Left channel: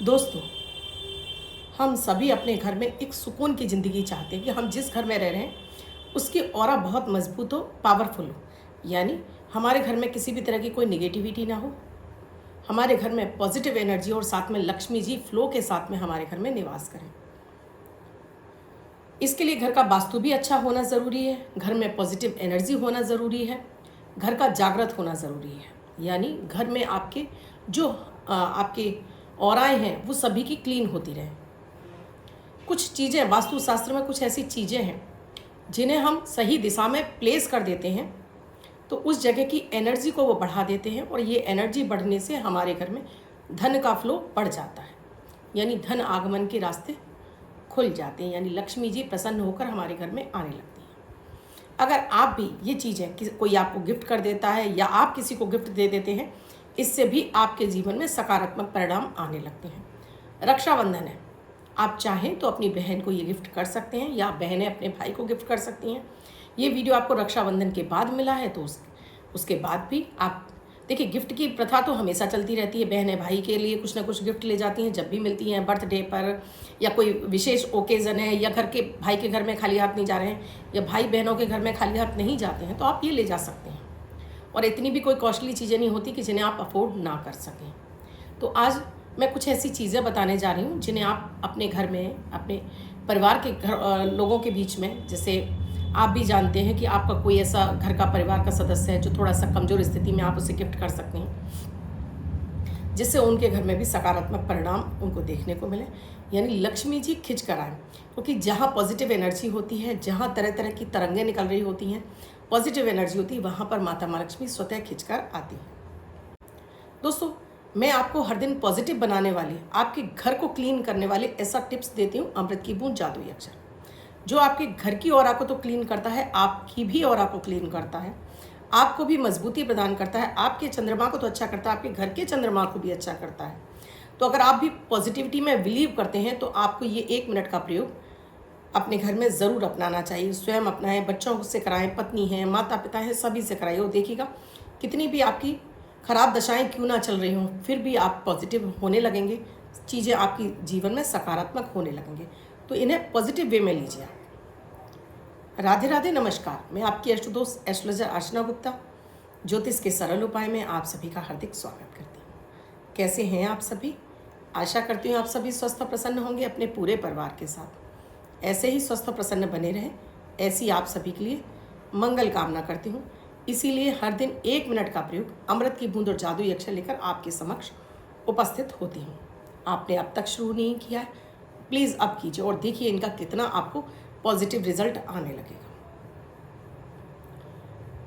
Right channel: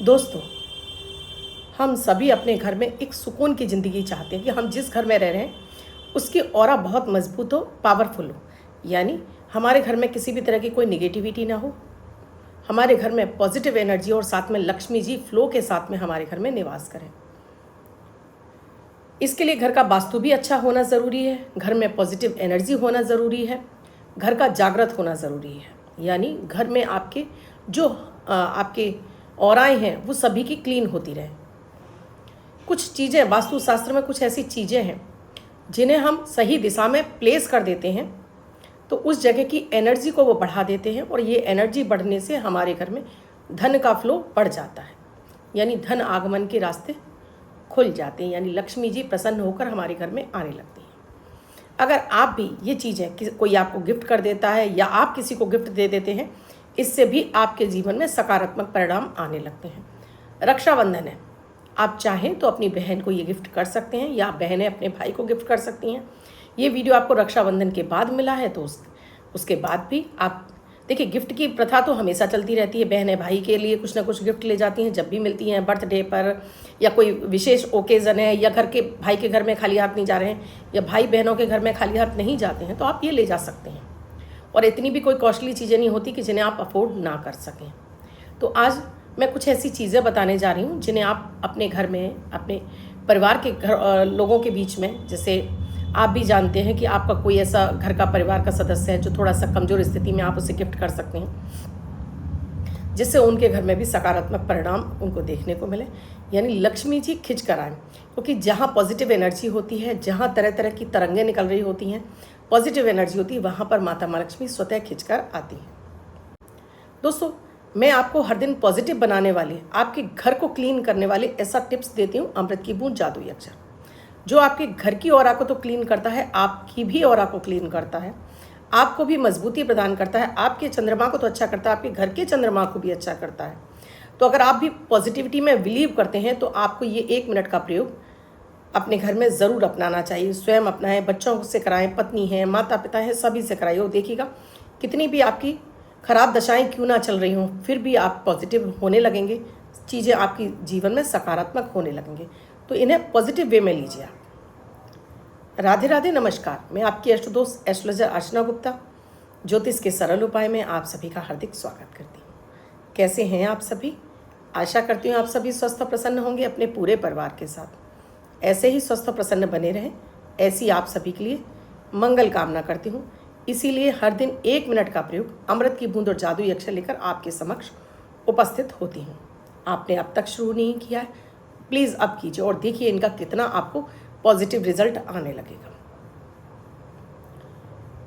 दोस्तों, हम सभी अपने घर में एक सुकून की ज़िंदगी चाहते हैं कि हम जिस घर में रह रहे हैं उसकी ऑरा बहुत मजबूत हो, पावरफुल हो। यानी हमारे घर में किसी भी तरह की कोई निगेटिविटी ना हो, हमारे घर में पॉजिटिव एनर्जी और साथ में लक्ष्मी जी फ्लो के साथ में हमारे घर में निवास करें। इसके लिए घर का वास्तु भी अच्छा होना ज़रूरी है, घर में पॉजिटिव एनर्जी होना ज़रूरी है, घर का जागृत होना ज़रूरी है। यानी घर में आपके जो आपके ऑराएं हैं वो सभी की क्लीन होती रहे। कुछ चीज़ें वास्तुशास्त्र में कुछ ऐसी चीज़ें हैं जिन्हें हम सही दिशा में प्लेस कर देते हैं तो उस जगह की एनर्जी को वो बढ़ा देते हैं और ये एनर्जी बढ़ने से हमारे घर में धन का फ्लो बढ़ जाता है। यानी धन आगमन के रास्ते खुल जाते हैं, यानी लक्ष्मी जी प्रसन्न होकर हमारे घर में आने लगती हैं। अगर आप भी ये चीज़ें कोई आपको गिफ्ट कर देता है या आप किसी को गिफ्ट दे देते हैं, इससे भी आपके जीवन में सकारात्मक परिणाम आने लगते हैं। रक्षाबंधन है, आप चाहें तो अपनी बहन को ये गिफ्ट कर सकते हैं या बहनें अपने भाई को गिफ्ट कर सकती हैं। ये वीडियो आपको रक्षाबंधन के बाद मिला है तो उसके बाद भी आप देखिए, गिफ्ट की प्रथा तो हमेशा चलती रहती है। बहनें भाई के लिए कुछ ना कुछ गिफ्ट ले जाती हैं जब भी मिलती हैं, बर्थडे पर या कोई विशेष ओकेज़न है, या घर के भाई के घर में खाली हाथ नहीं जा रहे हैं या भाई बहनों के घर में खाली हाथ नहीं जाते हैं तो आप ये ले जा सकते हैं। और इतनी भी कोई कॉस्टली चीज़ें नहीं होती कि जिन्हें आप अफोर्ड ना कर सकें। तो आज मैं कुछ ऐसी चीज़ें बताने जा रही हूँ जिन्हें आप अपने घर में, अपने परिवार के घर लोगों के बीच में, जैसे आप भी जानते हैं कि आपका कोई ऐसा घर का परिवार का सदस्य है जो थोड़ा सा कमज़ोर स्थिति में, आप उसे गिफ्ट कर सकते हैं जिससे उनके घर में भी सकारात्मक परिणाम उनको देखने को मिले। यानी लक्ष्मी जी खिंच कर आए, क्योंकि जहाँ पॉजिटिव एनर्जी होती है, जहाँ तरह तरह की तरंगें निकल रही होती हैं, पॉजिटिव एनर्जी होती है, वहाँ पर माता माँ लक्ष्मी स्वतः खिंच कर आती है। दोस्तों, मैं आपको हर दिन पॉजिटिव बनाने वाली, आपके घर को क्लीन करने वाले ऐसा टिप्स देती हूँ, अमृत की बूंद जादुई अक्षर, जो आपके घर की ऑरा को तो क्लीन करता है, आपकी भी ऑरा को क्लीन करता है, आपको भी मजबूती प्रदान करता है, आपके चंद्रमा को तो अच्छा करता है, आपके घर के चंद्रमा को भी अच्छा करता है। तो अगर आप भी पॉजिटिविटी में बिलीव करते हैं तो आपको ये 1 मिनट का प्रयोग अपने घर में ज़रूर अपनाना चाहिए। स्वयं अपनाएं, बच्चों से कराएं, पत्नी हैं, माता पिता हैं, सभी से कराइए। और देखिएगा, कितनी भी आपकी खराब दशाएं क्यों ना चल रही हों, फिर भी आप पॉजिटिव होने लगेंगे, चीज़ें आपकी जीवन में सकारात्मक होने लगेंगे। तो इन्हें पॉजिटिव वे में लीजिए आप। राधे राधे, नमस्कार। मैं आपकी अष्ट दोस्त एस्ट्रोलॉजर अर्चना गुप्ता, ज्योतिष के सरल उपाय में आप सभी का हार्दिक स्वागत करती हूँ। कैसे हैं आप सभी? आशा करती हूँ आप सभी स्वस्थ और प्रसन्न होंगे अपने पूरे परिवार के साथ। ऐसे ही स्वस्थ और प्रसन्न बने रहें, ऐसी आप सभी के लिए मंगल कामना करती हूँ। इसीलिए हर दिन 1 मिनट का प्रयोग अमृत की बूंद और जादुई अक्षर लेकर आपके समक्ष उपस्थित होती हूँ। आपने अब तक शुरू नहीं किया है, प्लीज़ अब कीजिए और देखिए इनका कितना आपको पॉजिटिव रिजल्ट आने लगेगा।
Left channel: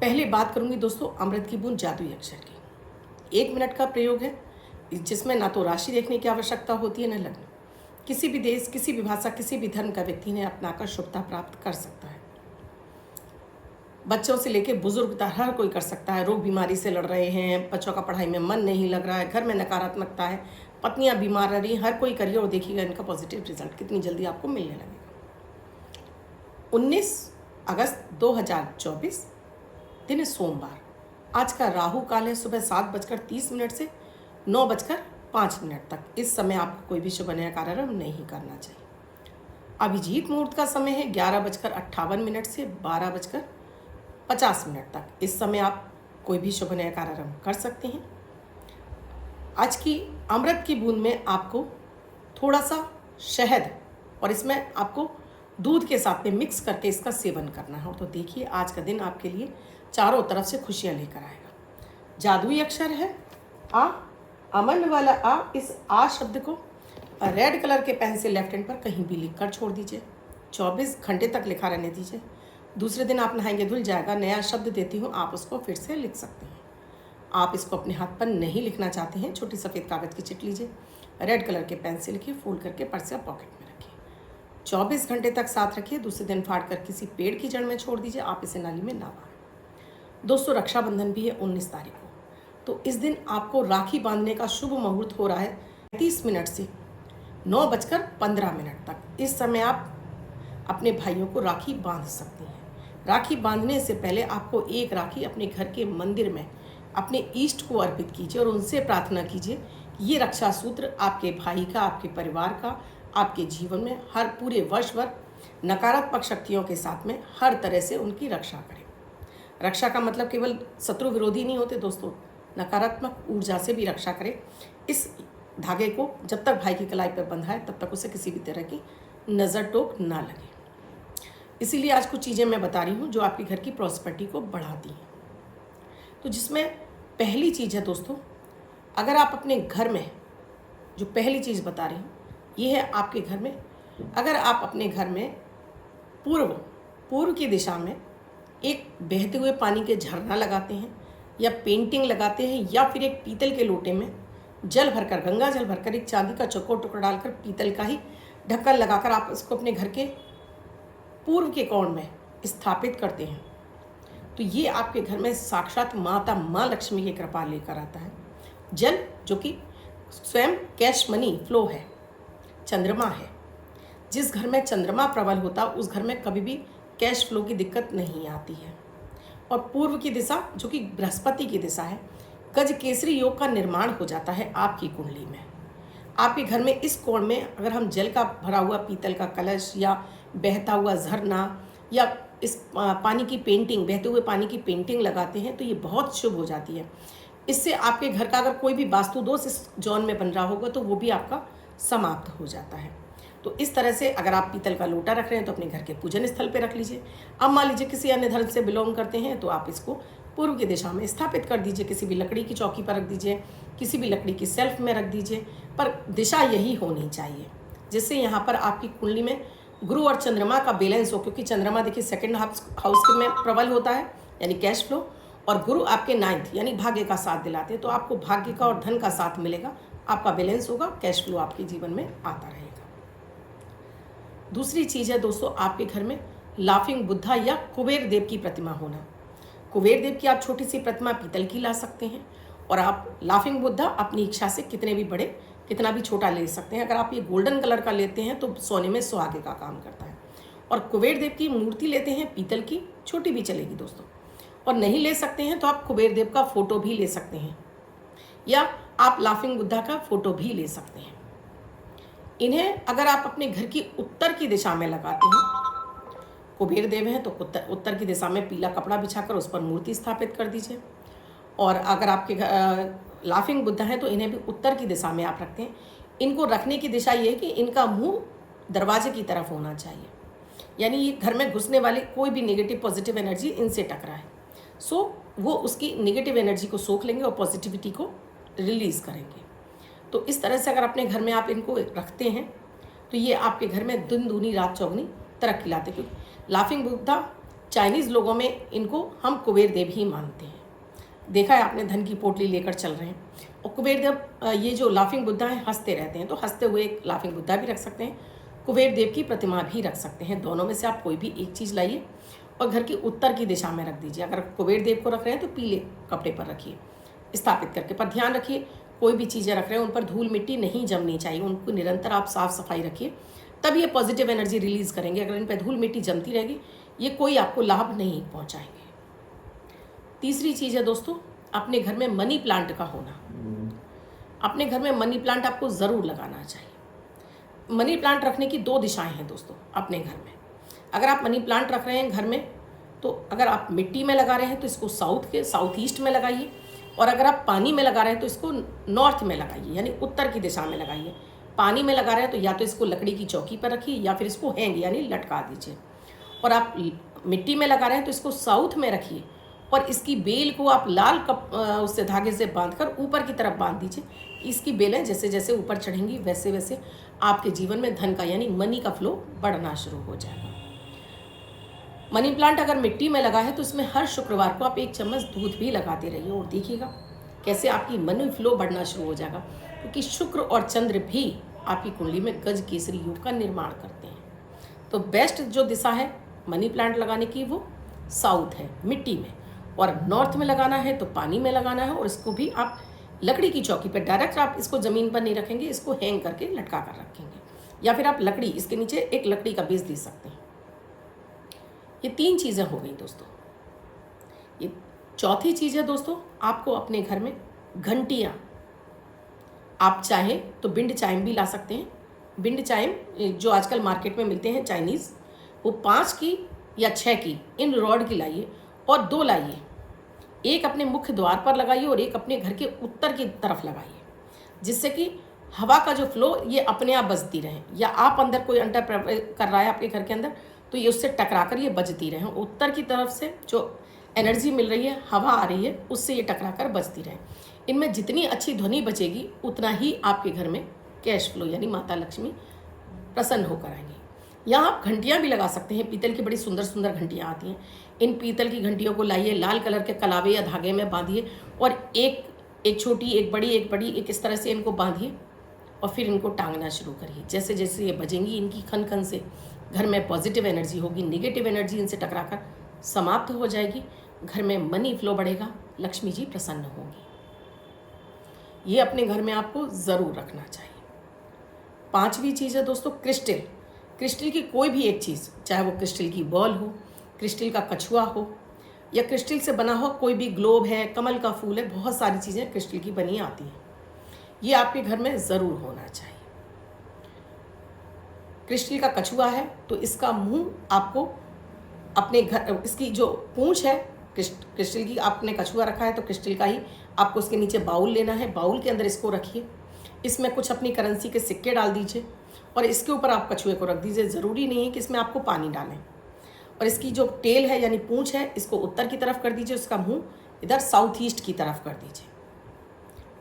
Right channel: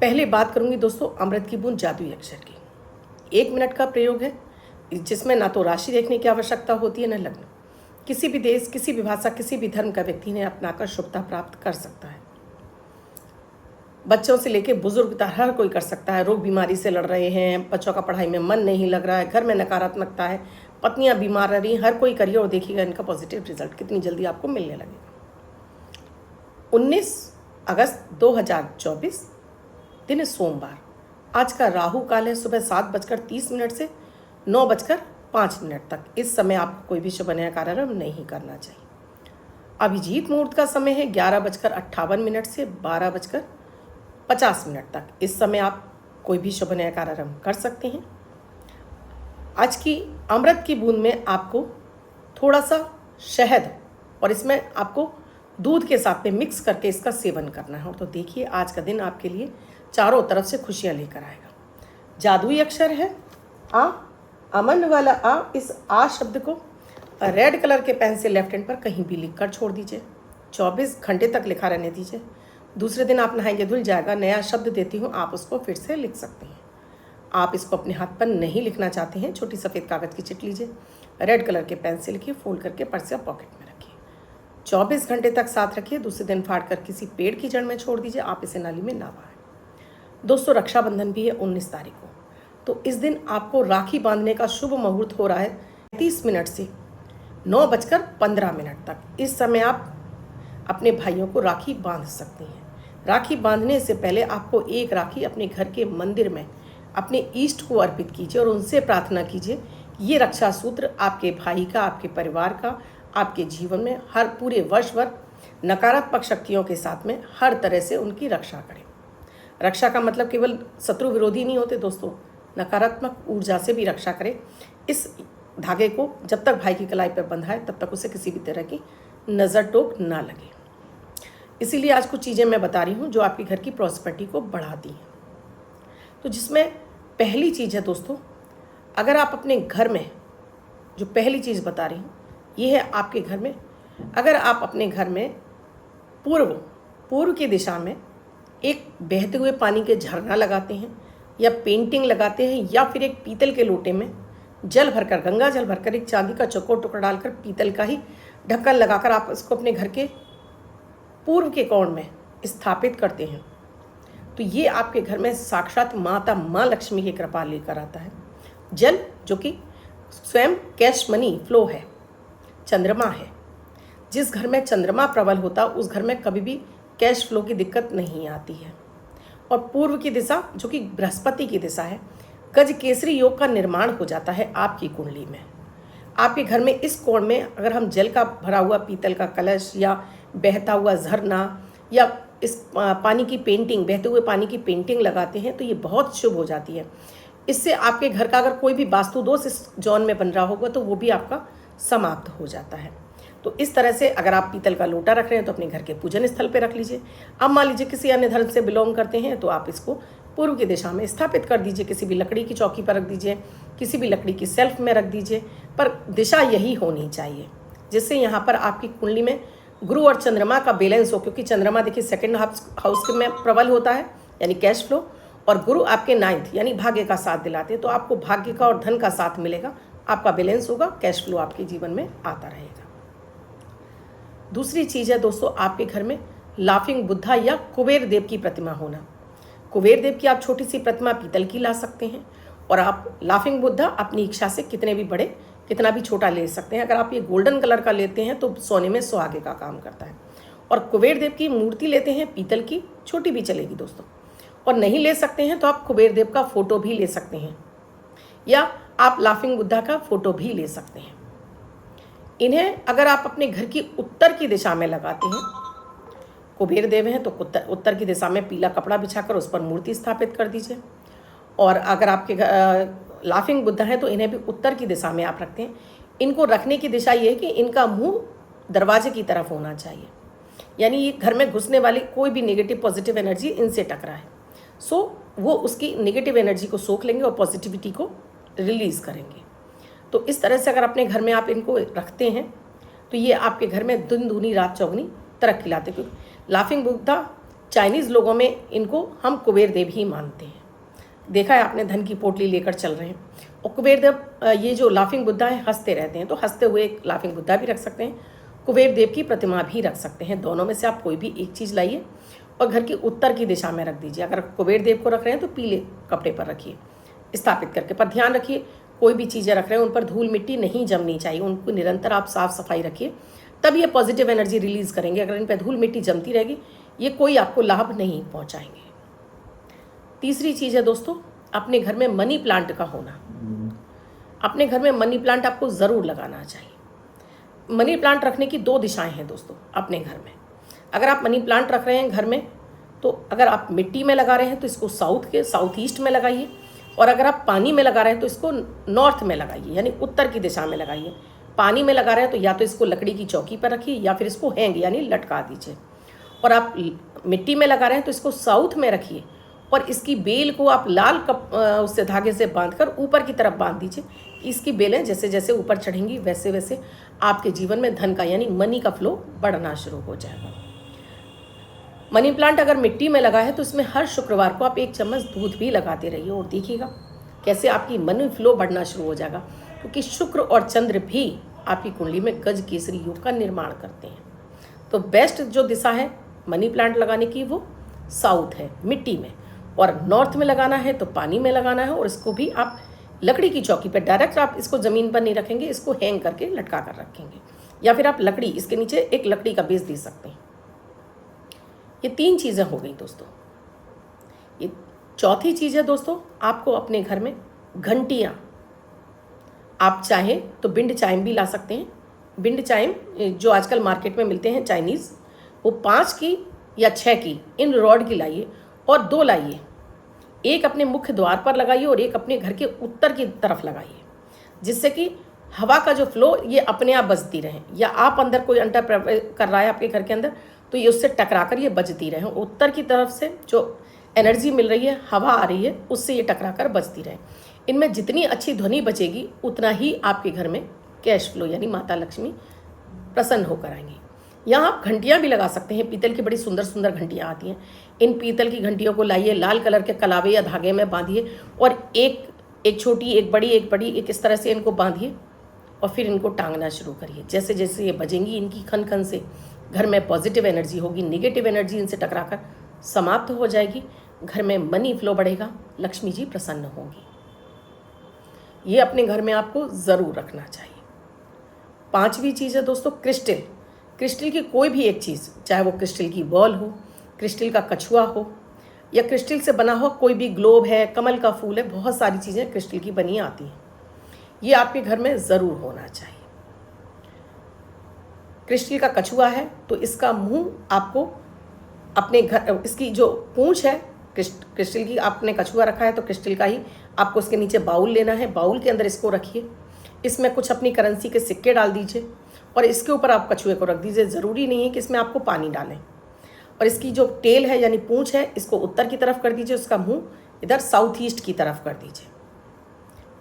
पहले बात करूंगी दोस्तों अमृत की बूंद जादुई अक्षर की। 1 मिनट का प्रयोग है जिसमें ना तो राशि देखने की आवश्यकता होती है, न लग्न। किसी भी देश, किसी भी भाषा, किसी भी धर्म का व्यक्ति ने अपनाकर शुभता प्राप्त कर सकता है। बच्चों से लेकर बुजुर्ग तक हर कोई कर सकता है। रोग बीमारी से लड़ रहे हैं, बच्चों का पढ़ाई में मन नहीं लग रहा है, घर में नकारात्मकता है, पत्नियां बीमार रह रही हैं, हर कोई करिए और देखिएगा इनका पॉजिटिव रिजल्ट कितनी जल्दी आपको मिलने लगेगा। 19 अगस्त 2024, दिन सोमवार। आज का राहु काल है सुबह 7:30 से 9:05 तक। इस समय आपको कोई भी शुभ नया कार्यारंभ नहीं करना चाहिए। अभिजीत मुहूर्त का समय है 11:58 से 12:50 तक। इस समय आप कोई भी शुभ नया कार्यारंभ कर सकते हैं। आज की अमृत की बूंद में आपको थोड़ा सा शहद और इसमें आपको दूध के साथ में मिक्स करके इसका सेवन करना है। तो देखिए आज का दिन आपके लिए चारों तरफ से खुशियां लेकर आएगा। जादुई अक्षर है आ, अमन वाला आ। इस आ शब्द को रेड कलर के पेन से लेफ्ट हैंड पर कहीं भी लिख कर छोड़ दीजिए। 24 घंटे तक लिखा रहने दीजिए। दूसरे दिन आप नहाएंगे, धुल जाएगा। नया शब्द देती हूँ, आप उसको फिर से लिख सकते हैं। आप इसको अपने हाथ पर नहीं लिखना चाहते हैं, छोटी सफ़ेद कागज़ की चिट लीजिए, रेड कलर के पेन से लिखिए, फोल्ड करके पर्स या पॉकेट में रखिए। 24 घंटे तक साथ रखिए। दूसरे दिन फाड़ कर किसी पेड़ की जड़ में छोड़ दीजिए। आप इसे नाली में ना बहाएं। दोस्तों, रक्षाबंधन भी है 19 तारीख को, तो इस दिन आपको राखी बांधने का शुभ मुहूर्त हो रहा है 30 मिनट से 9:15 तक। इस समय आप अपने भाइयों को राखी बांध सकते हैं। राखी बांधने से पहले आपको एक राखी अपने घर के मंदिर में अपने ईष्ट को अर्पित कीजिए और उनसे प्रार्थना कीजिए ये रक्षा सूत्र आपके भाई का, आपके परिवार का, आपके जीवन में हर पूरे वर्ष भर नकारात्मक शक्तियों के साथ में हर तरह से उनकी रक्षा करें। रक्षा का मतलब केवल शत्रु विरोधी नहीं होते दोस्तों, नकारात्मक ऊर्जा से भी रक्षा करें। इस धागे को जब तक भाई की कलाई पर बंधा है तब तक उसे किसी भी तरह की नज़र टोक ना लगे। इसीलिए आज कुछ चीज़ें मैं बता रही हूँ जो आपके घर की प्रॉस्पेरिटी को बढ़ाती हैं। तो जिसमें पहली चीज़ है दोस्तों, अगर आप अपने घर में, जो पहली चीज़ बता रही हूँ ये है आपके घर में, अगर आप अपने घर में पूर्व की दिशा में एक बहते हुए पानी के झरना लगाते हैं या पेंटिंग लगाते हैं, या फिर एक पीतल के लोटे में जल भरकर, गंगा जल भरकर, एक चांदी का चौकोर टुकड़ा डालकर पीतल का ही ढक्कन लगाकर आप इसको अपने घर के पूर्व के कोण में स्थापित करते हैं, तो ये आपके घर में साक्षात माँ लक्ष्मी की कृपा लेकर आता है। जल जो कि स्वयं कैश मनी फ्लो है, चंद्रमा है। जिस घर में चंद्रमा प्रबल होता उस घर में कभी भी कैश फ्लो की दिक्कत नहीं आती है। और पूर्व की दिशा जो कि बृहस्पति की दिशा है, गज केसरी योग का निर्माण हो जाता है आपकी कुंडली में। आपके घर में इस कोण में अगर हम जल का भरा हुआ पीतल का कलश या बहता हुआ झरना या इस पानी की पेंटिंग, बहते हुए पानी की पेंटिंग लगाते हैं तो ये बहुत शुभ हो जाती है। इससे आपके घर का अगर कोई भी वास्तु दोष इस जोन में बन रहा होगा तो वो भी आपका समाप्त हो जाता है। तो इस तरह से अगर आप पीतल का लोटा रख रहे हैं तो अपने घर के पूजन स्थल पे रख लीजिए। अब मान लीजिए किसी अन्य धर्म से बिलोंग करते हैं तो आप इसको पूर्व की दिशा में स्थापित कर दीजिए, किसी भी लकड़ी की चौकी पर रख दीजिए, किसी भी लकड़ी की सेल्फ में रख दीजिए, पर दिशा यही होनी चाहिए जिससे यहाँ पर आपकी कुंडली में गुरु और चंद्रमा का बैलेंस हो। क्योंकि चंद्रमा देखिए सेकंड हाउस में प्रबल होता है यानी कैश फ्लो, और गुरु आपके 9th यानी भाग्य का साथ दिलाते हैं, तो आपको भाग्य का और धन का साथ मिलेगा, आपका बैलेंस होगा, कैश फ्लो आपके जीवन में आता रहेगा। दूसरी चीज़ है दोस्तों, आपके घर में लाफिंग बुद्धा या कुबेर देव की प्रतिमा होना। कुबेर देव की आप छोटी सी प्रतिमा पीतल की ला सकते हैं, और आप लाफिंग बुद्धा अपनी इच्छा से कितने भी बड़े कितना भी छोटा ले सकते हैं। अगर आप ये गोल्डन कलर का लेते हैं तो सोने में सुहागे का काम करता है। और कुबेर देव की मूर्ति लेते हैं पीतल की, छोटी भी चलेगी दोस्तों। और नहीं ले सकते हैं तो आप कुबेर देव का फोटो भी ले सकते हैं, या आप लाफिंग बुद्धा का फोटो भी ले सकते हैं। इन्हें अगर आप अपने घर की उत्तर की दिशा में लगाते हैं, कुबेर देव हैं तो उत्तर की दिशा में पीला कपड़ा बिछाकर उस पर मूर्ति स्थापित कर दीजिए। और अगर आपके लाफिंग बुद्धा हैं तो इन्हें भी उत्तर की दिशा में आप रखते हैं। इनको रखने की दिशा ये है कि इनका मुंह दरवाजे की तरफ होना चाहिए, यानी ये घर में घुसने वाली कोई भी नेगेटिव पॉजिटिव एनर्जी इनसे टकराए, सो वो उसकी नेगेटिव एनर्जी को सोख लेंगे और पॉजिटिविटी को रिलीज़ करेंगे। तो इस तरह से अगर अपने घर में आप इनको रखते हैं तो ये आपके घर में दिन दूनी रात चौगनी तरक्की लाते। क्योंकि लाफिंग बुद्धा चाइनीज़ लोगों में इनको हम कुबेर देव ही मानते हैं। देखा है आपने, धन की पोटली लेकर चल रहे हैं। और कुबेर देव, ये जो लाफिंग बुद्धा हैं हंसते रहते हैं, तो हंसते हुए एक लाफिंग बुद्धा भी रख सकते हैं, कुबेर देव की प्रतिमा भी रख सकते हैं। दोनों में से आप कोई भी एक चीज़ लाइए और घर की उत्तर की दिशा में रख दीजिए। अगर कुबेर देव को रख रहे हैं तो पीले कपड़े पर रखिए स्थापित करके। पर ध्यान रखिए कोई भी चीज़ें रख रहे हैं उन पर धूल मिट्टी नहीं जमनी चाहिए, उनको निरंतर आप साफ सफाई रखिए, तब ये पॉजिटिव एनर्जी रिलीज़ करेंगे। अगर इन पर धूल मिट्टी जमती रहेगी ये कोई आपको लाभ नहीं पहुँचाएंगे। तीसरी चीज़ है दोस्तों, अपने घर में मनी प्लांट का होना। अपने घर में मनी प्लांट आपको ज़रूर लगाना चाहिए। मनी प्लांट रखने की 2 दिशाएं हैं दोस्तों अपने घर में। अगर आप मनी प्लांट रख रहे हैं घर में तो अगर आप मिट्टी में लगा रहे हैं तो इसको साउथ ईस्ट में लगाइए, और अगर आप पानी में लगा रहे हैं तो इसको नॉर्थ में लगाइए, यानी उत्तर की दिशा में लगाइए। पानी में लगा रहे हैं तो या तो इसको लकड़ी की चौकी पर रखिए या फिर इसको हैंग यानी लटका दीजिए। और आप मिट्टी में लगा रहे हैं तो इसको साउथ में रखिए और इसकी बेल को आप लाल उससे धागे से बांधकर ऊपर की तरफ बांध दीजिए। इसकी बेलें जैसे जैसे ऊपर चढ़ेंगी वैसे वैसे आपके जीवन में धन का यानी मनी का फ्लो बढ़ना शुरू हो जाएगा। मनी प्लांट अगर मिट्टी में लगा है तो इसमें हर शुक्रवार को आप 1 चम्मच दूध भी लगाते रहिए, और देखिएगा कैसे आपकी मनी फ्लो बढ़ना शुरू हो जाएगा। क्योंकि शुक्र और चंद्र भी आपकी कुंडली में गज केसरी योग का निर्माण करते हैं। तो बेस्ट जो दिशा है मनी प्लांट लगाने की वो साउथ है, मिट्टी में, और नॉर्थ में लगाना है तो पानी में लगाना है। और इसको भी आप लकड़ी की चौकी पर डायरेक्ट आप इसको ज़मीन पर नहीं रखेंगे, इसको हैंग करके लटका कर रखेंगे, या फिर आप लकड़ी इसके नीचे एक लकड़ी का बेस दे सकते हैं। ये 3 चीज़ें हो गई दोस्तों। ये चौथी चीज़ है दोस्तों, आपको अपने घर में घंटियाँ आप चाहें तो बिंड चाइम भी ला सकते हैं। बिंड चाइम जो आजकल मार्केट में मिलते हैं चाइनीज़, वो 5 की या 6 की इन रॉड की लाइए और 2 लाइए। एक अपने मुख्य द्वार पर लगाइए और एक अपने घर के उत्तर की तरफ लगाइए, जिससे कि हवा का जो फ्लो ये अपने आप बजती रहे, या आप अंदर कोई अंटर कर रहा है आपके घर के अंदर तो ये उससे टकरा कर ये बजती रहे। उत्तर की तरफ से जो एनर्जी मिल रही है, हवा आ रही है, उससे ये टकरा कर बजती रहे। इनमें जितनी अच्छी ध्वनि बचेगी उतना ही आपके घर में कैश फ्लो यानी माता लक्ष्मी प्रसन्न होकर आएंगी। यहाँ आप घंटियाँ भी लगा सकते हैं। पीतल की बड़ी सुंदर सुंदर घंटियाँ आती हैं। इन पीतल की घंटियों को लाइए, लाल कलर के कलावे या धागे में बांधिए और एक छोटी, एक बड़ी, एक इस तरह से इनको बांधिए और फिर इनको टांगना शुरू करिए। जैसे जैसे ये बजेंगी, इनकी खन खन से घर में पॉजिटिव एनर्जी होगी, निगेटिव एनर्जी इनसे टकराकर समाप्त हो जाएगी। घर में मनी फ्लो बढ़ेगा, लक्ष्मी जी प्रसन्न होंगी। ये अपने घर में आपको ज़रूर रखना चाहिए। 5वीं चीज़ है दोस्तों क्रिस्टल। क्रिस्टल की कोई भी एक चीज़, चाहे वो क्रिस्टल की बॉल हो, क्रिस्टल का कछुआ हो, या क्रिस्टल से बना हो कोई भी ग्लोब है, कमल का फूल है, बहुत सारी चीज़ें क्रिस्टल की बनी आती हैं। ये आपके घर में ज़रूर होना चाहिए। क्रिस्टल का कछुआ है तो इसका मुंह आपको अपने घर, इसकी जो पूंछ है क्रिस्टल की, आपने कछुआ रखा है तो क्रिस्टल का ही आपको उसके नीचे बाउल लेना है। बाउल के अंदर इसको रखिए, इसमें कुछ अपनी करेंसी के सिक्के डाल दीजिए और इसके ऊपर आप कछुए को रख दीजिए। ज़रूरी नहीं है कि इसमें आपको पानी डालें। और इसकी जो टेल है यानी पूंछ है, इसको उत्तर की तरफ कर दीजिए, उसका मुंह इधर साउथ ईस्ट की तरफ कर दीजिए।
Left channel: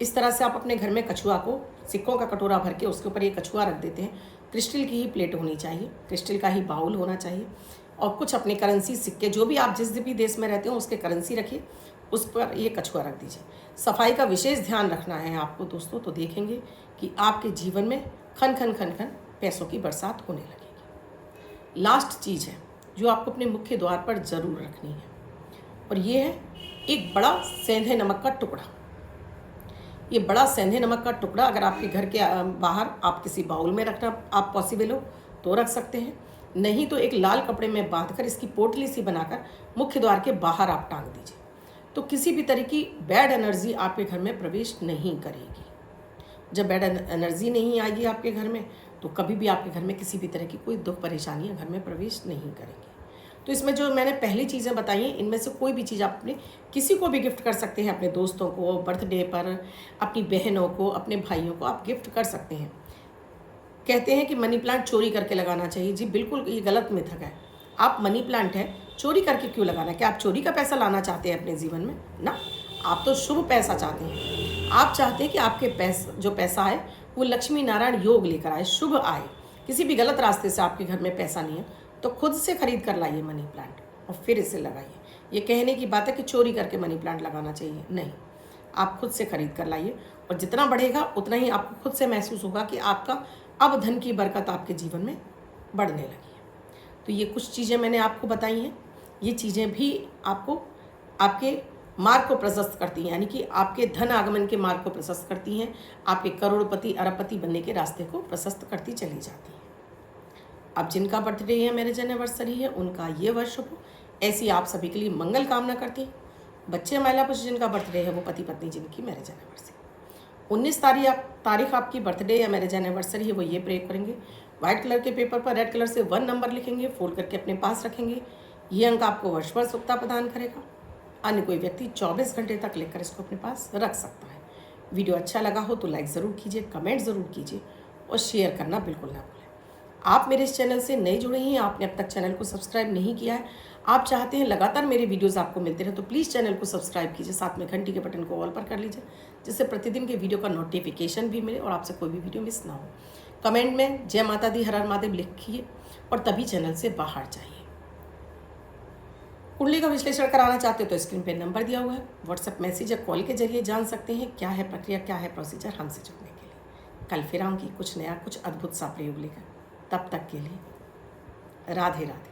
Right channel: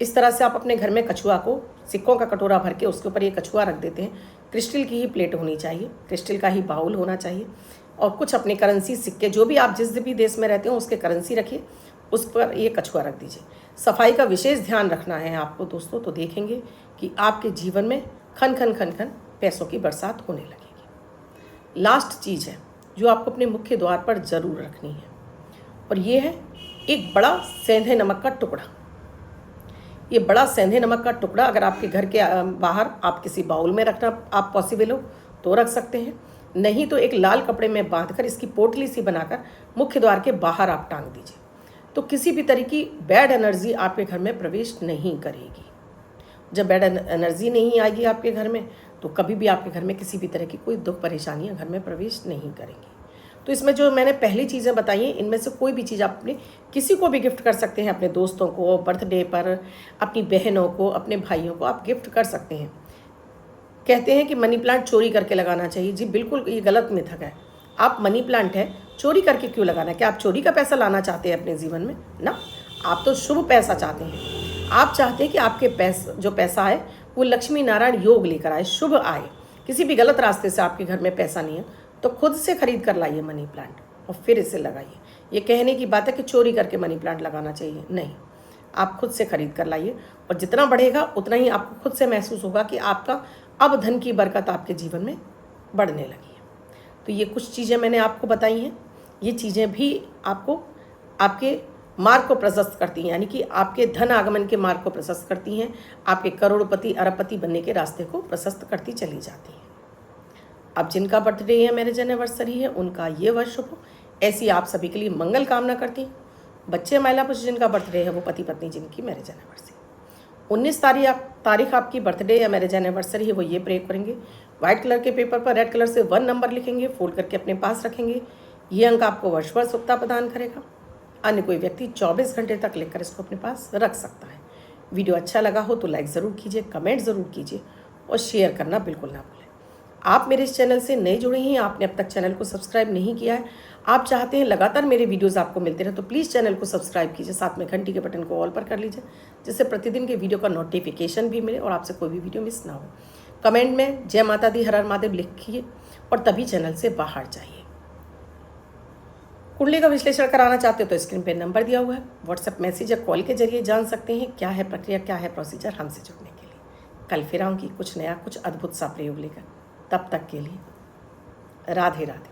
इस तरह से आप अपने घर में कछुआ को, सिक्कों का कटोरा भर के उसके ऊपर ये कछुआ रख देते हैं। क्रिस्टल की ही प्लेट होनी चाहिए, क्रिस्टल का ही बाउल होना चाहिए और कुछ अपने करेंसी सिक्के, जो भी आप जिस भी देश में रहते हो उसके करेंसी रखिए, उस पर ये कछुआ रख दीजिए। सफाई का विशेष ध्यान रखना है आपको दोस्तों, तो देखेंगे कि आपके जीवन में खन खन खन खन पैसों की बरसात होने लगेगी। लास्ट चीज़ है जो आपको अपने मुख्य द्वार पर ज़रूर रखनी है, और ये है एक बड़ा सेंधे नमक का टुकड़ा। ये बड़ा सेंधे नमक का टुकड़ा अगर आपके घर के बाहर आप किसी बाउल में रखना आप पॉसिबल हो तो रख सकते हैं, नहीं तो एक लाल कपड़े में बांधकर इसकी पोटली सी बनाकर मुख्य द्वार के बाहर आप टांग दीजिए, तो किसी भी तरह की बैड एनर्जी आपके घर में प्रवेश नहीं करेगी। जब बैड एनर्जी नहीं आएगी आपके घर में तो कभी भी आपके घर में किसी भी तरह की कोई दुख परेशानियां घर में प्रवेश नहीं करेंगी। तो इसमें जो मैंने पहली चीज़ें बताई हैं, इनमें से कोई भी चीज़ आप अपने किसी को भी गिफ्ट कर सकते हैं। अपने दोस्तों को बर्थडे पर, अपनी बहनों को, अपने भाइयों को आप गिफ्ट कर सकते हैं। कहते हैं कि मनी प्लांट चोरी करके लगाना चाहिए। जी बिल्कुल, ये गलत मिथक है। आप मनी प्लांट है, चोरी करके क्यों लगाना है? क्या आप चोरी का पैसा लाना चाहते हैं अपने जीवन में? ना, आप तो शुभ पैसा चाहते हैं। आप चाहते हैं कि आपके जो पैसा है वो लक्ष्मी नारायण योग लेकर आए, शुभ आए। किसी भी गलत रास्ते से आपके घर में पैसा नहीं है तो खुद से खरीद कर लाइए मनी प्लांट और फिर इसे लगाइए। ये कहने की बात है कि चोरी करके मनी प्लांट लगाना चाहिए, नहीं, आप खुद से खरीद कर लाइए और जितना बढ़ेगा उतना ही आपको खुद से महसूस होगा कि आपका अब धन की बरकत आपके जीवन में बढ़ने लगी है। तो ये कुछ चीज़ें मैंने आपको बताई हैं। ये चीज़ें भी आपको आपके मार्ग को प्रशस्त करती हैं, यानी कि आपके धन आगमन के मार्ग को प्रशस्त करती हैं, आपके करोड़पति अरबपति बनने के रास्ते को प्रशस्त करती चली जाती हैं। अब जिनका बर्थडे है, मैरिज एनिवर्सरी है, उनका ये वर्ष हो, ऐसी आप सभी के लिए मंगल कामना करती हैं। बच्चे महिला पुरुष जिनका बर्थडे है, वो पति पत्नी जिनकी मैरिज एनिवर्सरी 19 तारीख आपकी बर्थडे या मैरिज एनिवर्सरी है, वो ये प्रे करेंगे। व्हाइट कलर के पेपर पर रेड कलर से 1 नंबर लिखेंगे, फोल्ड करके अपने पास रखेंगे। ये अंक आपको वर्ष भर सुखता प्रदान करेगा। अन्य कोई व्यक्ति 24 घंटे तक लेकर इसको अपने पास रख सकता है। वीडियो अच्छा लगा हो तो लाइक ज़रूर कीजिए, कमेंट ज़रूर कीजिए और शेयर करना बिल्कुल ना भूलें। आप मेरे इस चैनल से नए जुड़े हैं, आपने अब तक चैनल को सब्सक्राइब नहीं किया है, आप चाहते हैं लगातार मेरे वीडियोस आपको मिलते रहे, तो प्लीज़ चैनल को सब्सक्राइब कीजिए, साथ में घंटी के बटन को ऑल पर कर लीजिए, जिससे प्रतिदिन के वीडियो का नोटिफिकेशन भी मिले और आपसे कोई भी वीडियो मिस ना हो। कमेंट में जय माता दी हर हर महादेव लिखिए और तभी चैनल से बाहर जाइए। कुंडली का विश्लेषण कराना चाहते हो तो स्क्रीन पर नंबर दिया हुआ है, व्हाट्सएप मैसेज या कॉल के जरिए जान सकते हैं क्या है प्रक्रिया, क्या है प्रोसीजर हमसे जुड़ने के लिए। कल फिर आऊँगी कुछ नया, कुछ अद्भुत सा प्रयोग लेकर। तब तक के लिए राधे राधे।